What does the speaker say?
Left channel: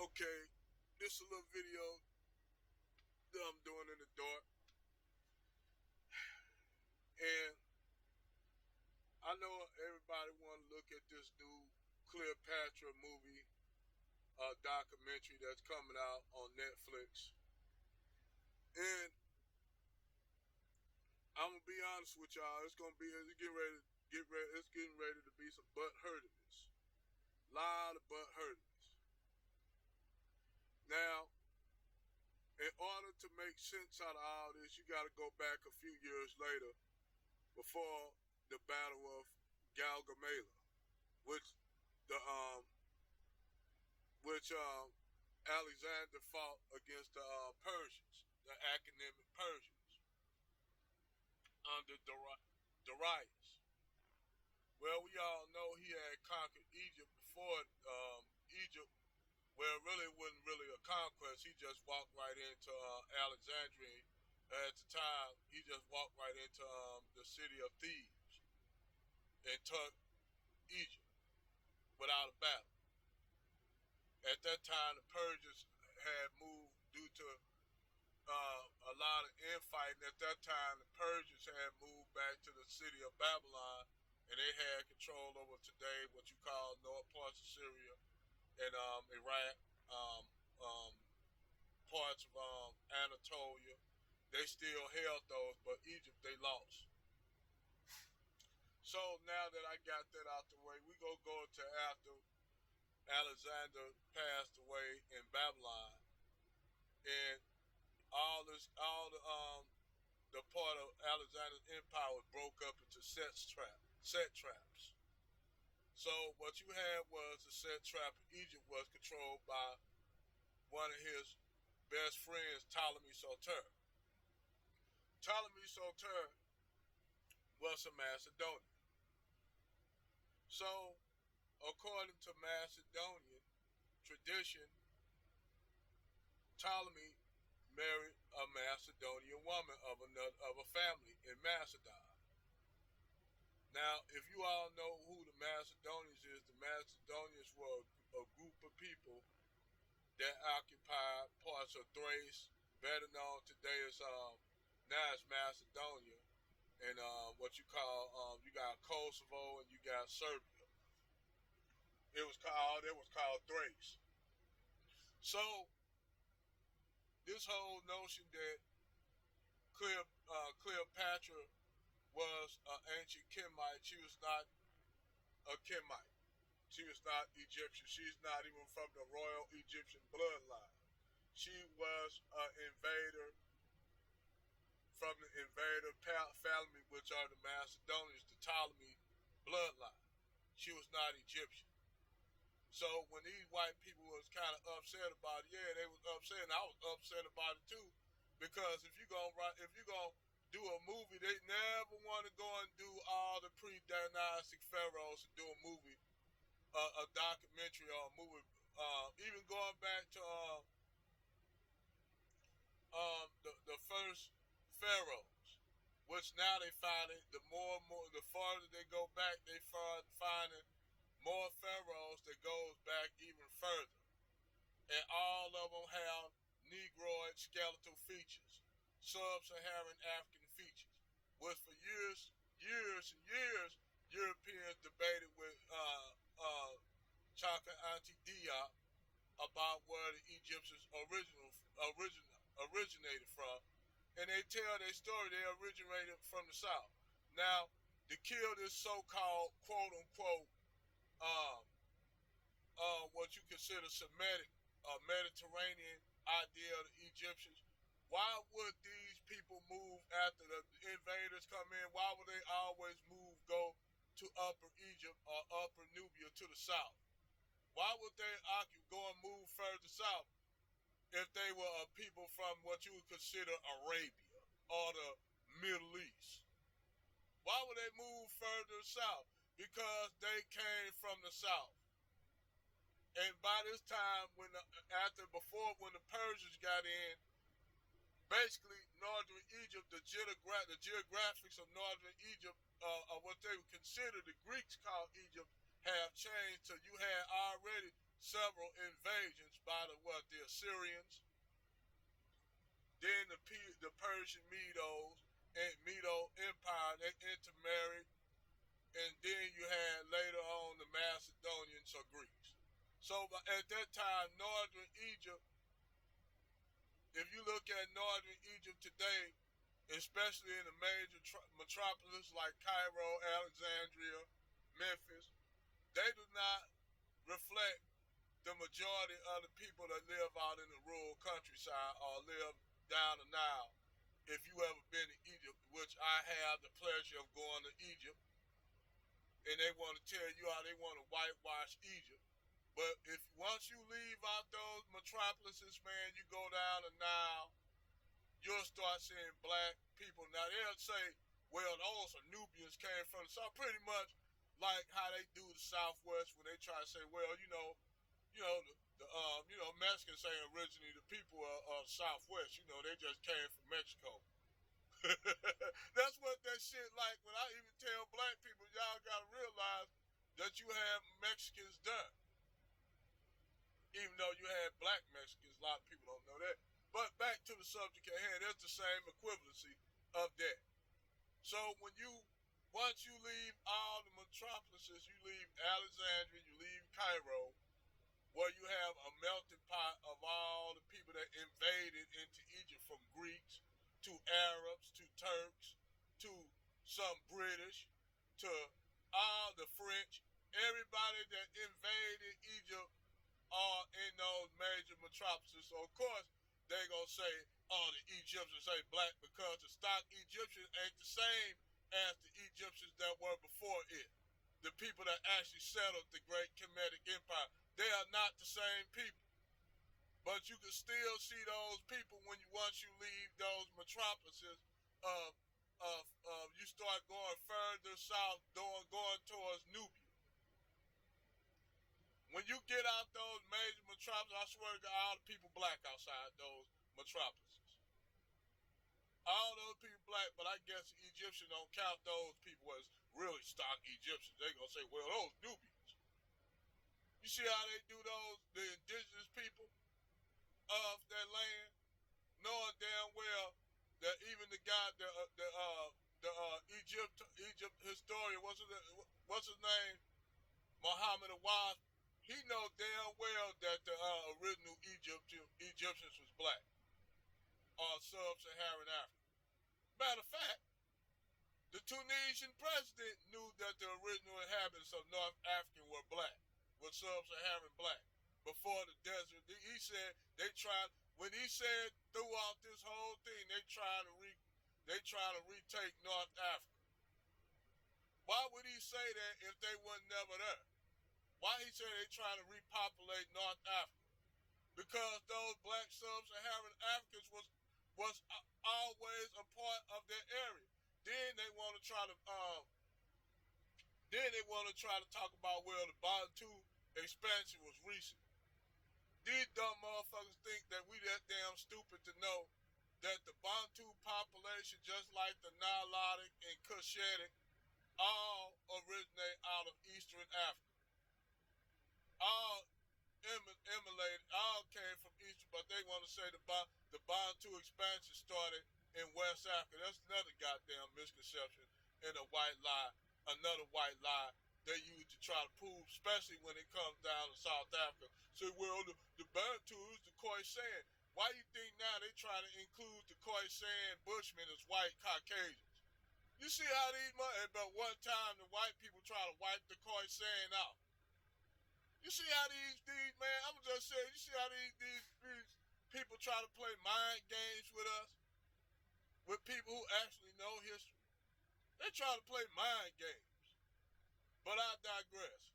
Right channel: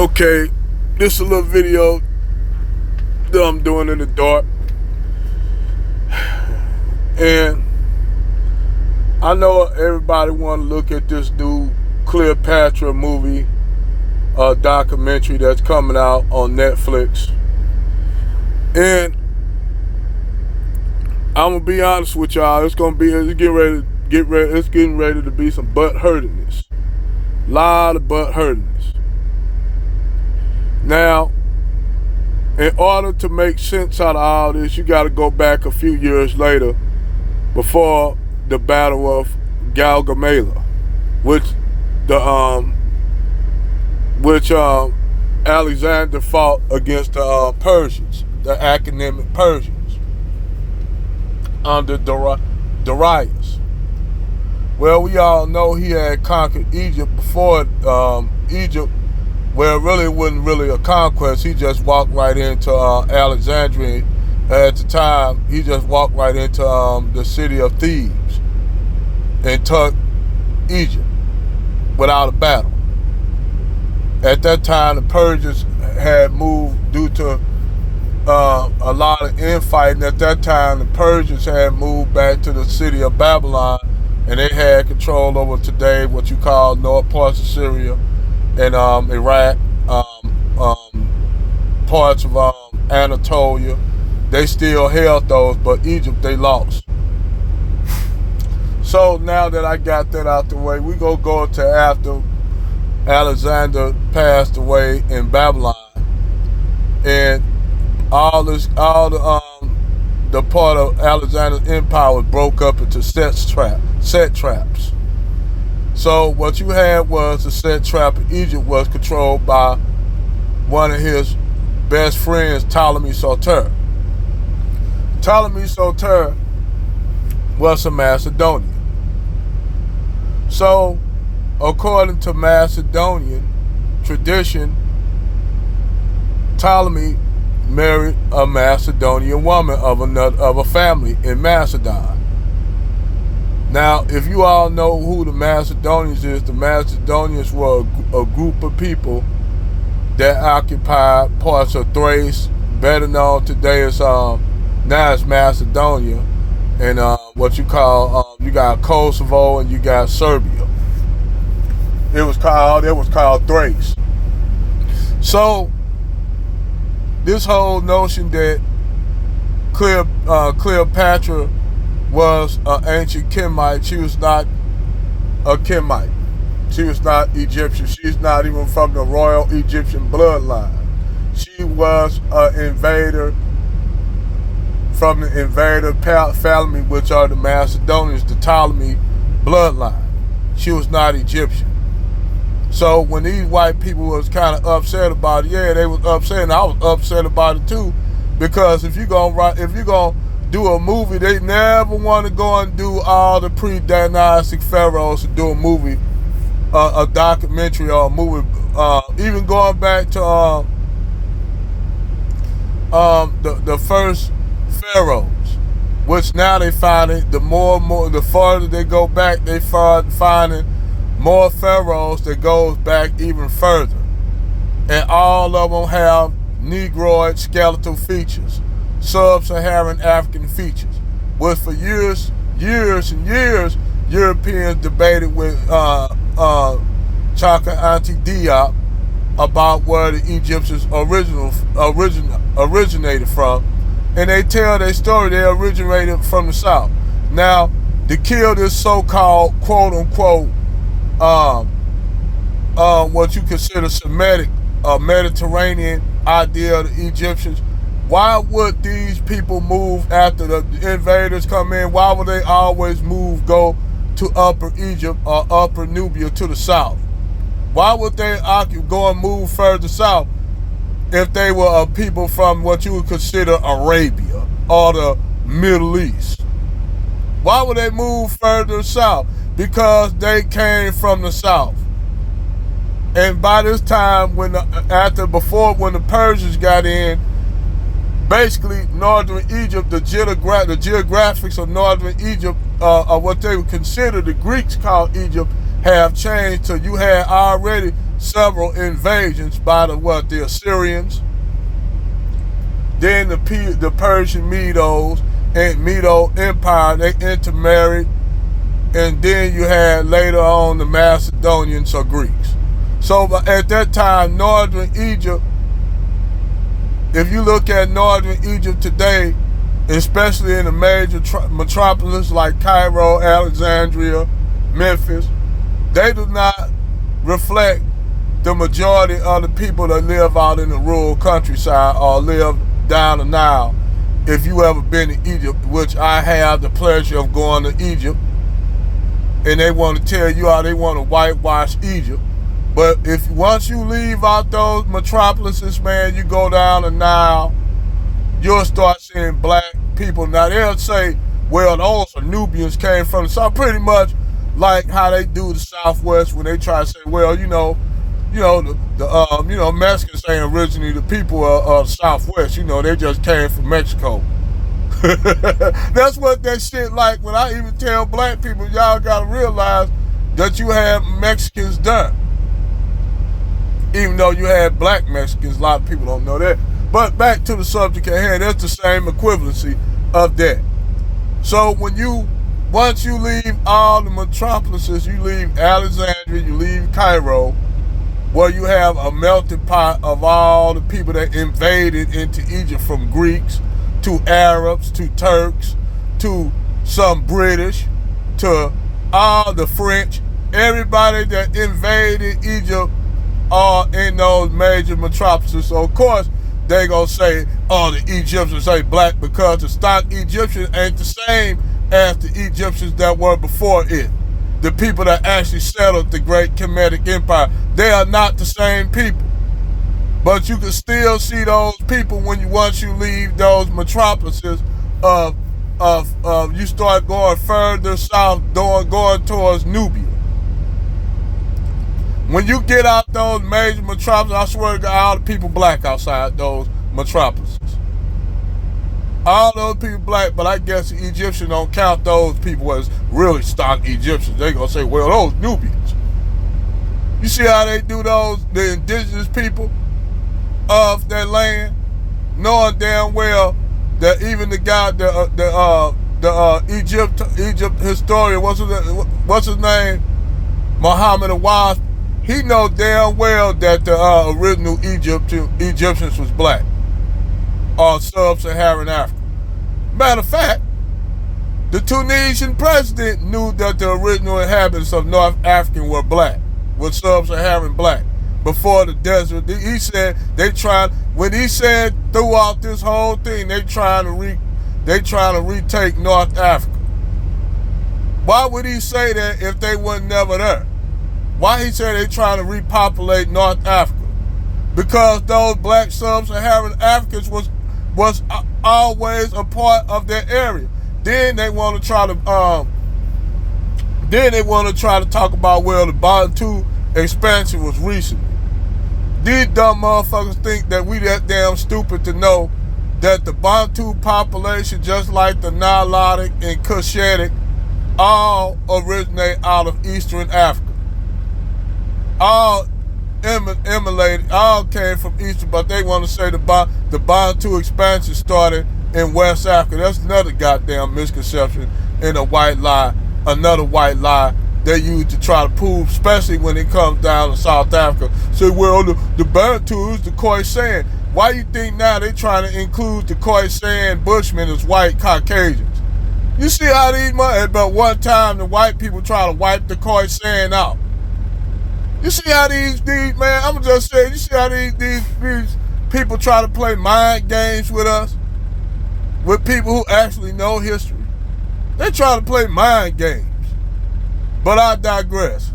Okay, this is a little video that I'm doing in the dark. And I know everybody want to look at this new Cleopatra movie, documentary that's coming out on Netflix. And I'm gonna be honest with y'all, it's getting ready to be some butt hurtiness. Lot of butt hurtiness. Now, in order to make sense out of all this, you got to go back a few years later, before the Battle of Gaugamela, which Alexander fought against the Persians, the academic Persians, under Darius. Well, we all know he had conquered Egypt before Egypt. Well, it really wasn't really a conquest. He just walked right into Alexandria. At the time, he just walked right into the city of Thebes and took Egypt without a battle. At that time, the Persians had moved due to a lot of infighting. At that time, the Persians had moved back to the city of Babylon, and they had control over today what you call north parts of Syria and Iraq, parts of Anatolia. They still held those, but Egypt, they lost. So now that I got that out the way, we gonna go to after Alexander passed away in Babylon, and the part of Alexander's empire was broke up into satraps. So what you had was the satrap of Egypt was controlled by one of his best friends, Ptolemy Soter. Ptolemy Soter was a Macedonian. So, according to Macedonian tradition, Ptolemy married a Macedonian woman of a family in Macedon. Now, if you all know who the Macedonians is, the Macedonians were a group of people that occupied parts of Thrace, better known today as now it's Macedonia, and what you call you got Kosovo and you got Serbia. It was called Thrace. So this whole notion that Cleopatra was an ancient Kimite, she was not a Kimite. She was not Egyptian. She's not even from the royal Egyptian bloodline. She was an invader from the invader family, which are the Macedonians, the Ptolemy bloodline. She was not Egyptian. So when these white people was kind of upset about it, yeah, they was upset, and I was upset about it too, because if you're gonna do a movie, they never want to go and do all the pre-dynastic pharaohs to do a movie, a documentary or a movie, even going back to the first pharaohs, which now they find it, the farther they go back, they finding more pharaohs that goes back even further, and all of them have Negroid skeletal features, sub-Saharan African features, which for years and years, Europeans debated with Chaka Anta Diop about where the Egyptians originated from, and they tell their story. They originated from the south. Now, to kill this so-called quote-unquote what you consider Semitic Mediterranean idea of the Egyptians, why would these people move after the invaders come in? Why would they always go to Upper Egypt or Upper Nubia to the south? Why would they go and move further south if they were a people from what you would consider Arabia or the Middle East? Why would they move further south? Because they came from the south. And by this time, when the Persians got in, basically northern Egypt, the geographics of northern Egypt, or what they would consider the Greeks called Egypt, have changed. So you had already several invasions by the Assyrians, then the Persian Medos and Medo Empire, they intermarried, and then you had later on the Macedonians or Greeks. So at that time, northern Egypt, if you look at northern Egypt today, especially in the major metropolis like Cairo, Alexandria, Memphis, they do not reflect the majority of the people that live out in the rural countryside or live down the Nile. If you ever been to Egypt, which I have the pleasure of going to Egypt, and they want to tell you how they want to whitewash Egypt. But if once you leave out those metropolises, man, you go down the Nile, you'll start seeing black people. Now they'll say, well, those are Nubians came from the south, pretty much like how they do the Southwest when they try to say, well, the Mexicans ain't originally the people of Southwest. They just came from Mexico. That's what that shit like. When I even tell black people, y'all gotta realize that you have Mexicans done. Even though you had black Mexicans, a lot of people don't know that. But back to the subject at hand, that's the same equivalency of that. So once you leave all the metropolises, you leave Alexandria, you leave Cairo, where you have a melting pot of all the people that invaded into Egypt, from Greeks to Arabs to Turks to some British to all the French. Everybody that invaded Egypt are in those major metropolises. So of course they gonna say, oh, the Egyptians ain't black, because the stock Egyptians ain't the same as the Egyptians that were before it. The people that actually settled the great Kemetic Empire, they are not the same people. But you can still see those people once you leave those metropolises you start going further south, going towards Nubia. When you get out those major metropolises, I swear to God, all the people black outside those metropolises. All those people black, but I guess the Egyptians don't count those people as really stock Egyptians. They gonna say, well, those Nubians. You see how they do the indigenous people of their land, knowing damn well that even the guy, the Egypt historian, what's his name, Muhammad Awad, he knows damn well that the original Egyptians was black, or sub-Saharan Africa. Matter of fact, the Tunisian president knew that the original inhabitants of North Africa were black, were sub-Saharan black. Before the desert, he said when he said throughout this whole thing, they trying to retake North Africa. Why would he say that if they were never there? Why he said they trying to repopulate North Africa? Because those black sub-Saharan Africans was always a part of their area. Then they want to try to talk about, well, the Bantu expansion was recent. These dumb motherfuckers think that we that damn stupid to know that the Bantu population, just like the Nilotic and Cushitic, all originate out of Eastern Africa. All emulated, all came from Eastern, but they want to say the Bantu expansion started in West Africa. That's another goddamn misconception and a white lie, another white lie they use to try to prove, especially when it comes down to South Africa. Say, well, the Bantus, the Khoisan. Why you think now they trying to include the Khoisan Bushmen as white Caucasians? You see how but one time the white people try to wipe the Khoisan out. You see how these man, I'm just saying, you see how these people try to play mind games with us? With people who actually know history. They try to play mind games. But I digress.